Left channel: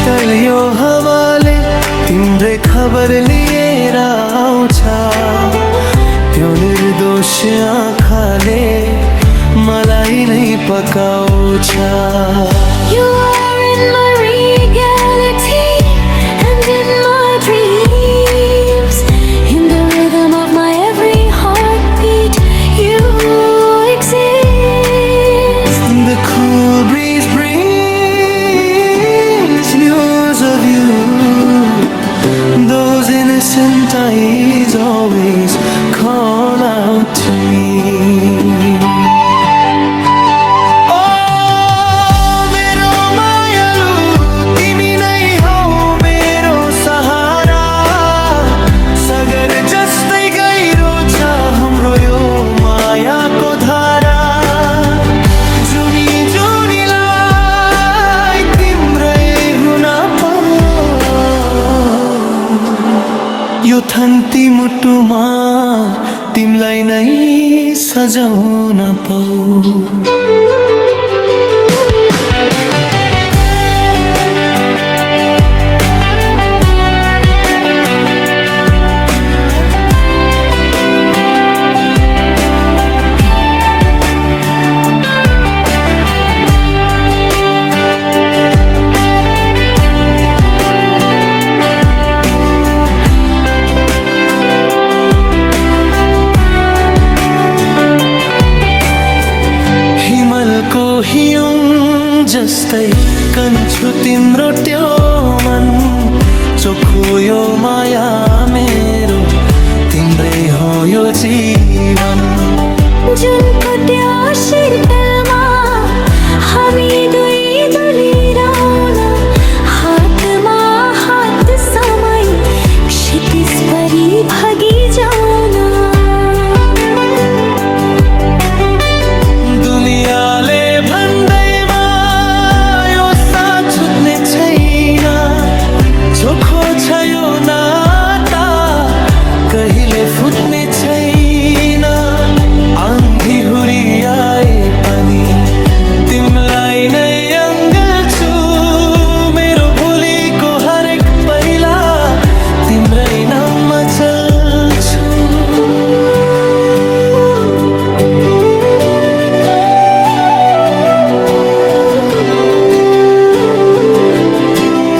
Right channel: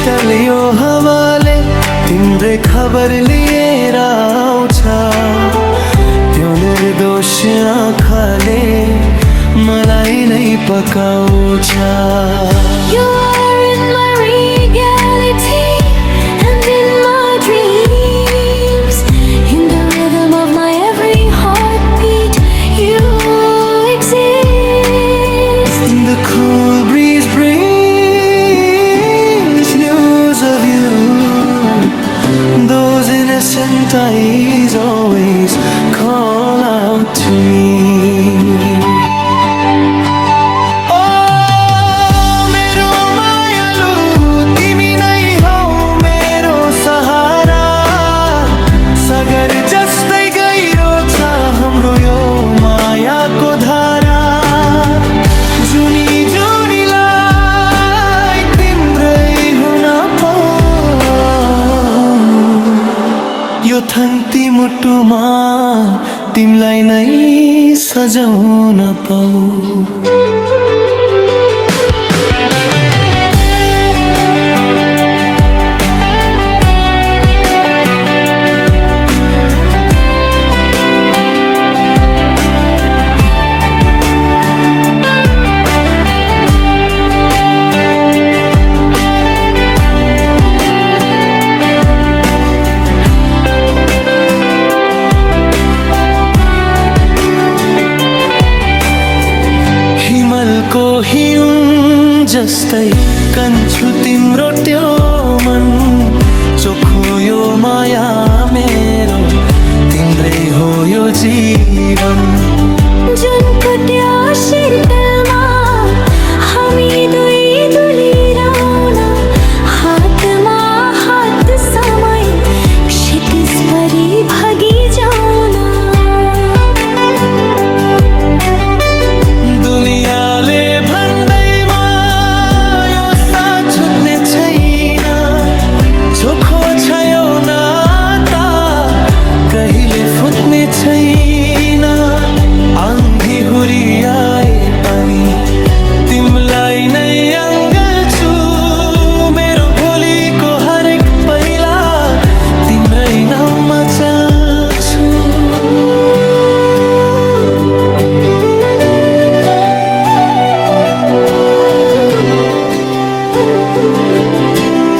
शीतल यो हावाले तिम्रै खबर लिएर आउँछ त्यो निर्दोष आँखाले मलाई नै पकाउँछ। You are in my reality and in my dreams, in the rhythm of my every heartbeat you exist. The cool breeze brings news of you, those innocent eyes always call out to me. सागर जस्तै गहिरो छ हाम्रो यो मायाको धारा, जुनी जुनीलाई तिम्रै हुन पाऊ, यो थन्ती मुटुमा तिमलाई नै सजाउन पाऊ। हिमलको हिउँ जस्तै कन्छु तिम्रो त्यो मन, चोखो यो माया मेरो तिम्रै हो यो जीवन। जुनको त्यो शीतलमा हामी दुई डुलिरहन, हातमा हात समाई क्षितिज परी भागी जाउन। दुनियाँले भन्दैमा यो साथ छुट्ने छैन, चोखो छ यो नाता कहिले फुट्ने छैन। आँधी हुरी आए पनि तिमलाई नै अङ्गल्छु, मेरो भोलिको हरेक पहिला तिम्रै नाममा चल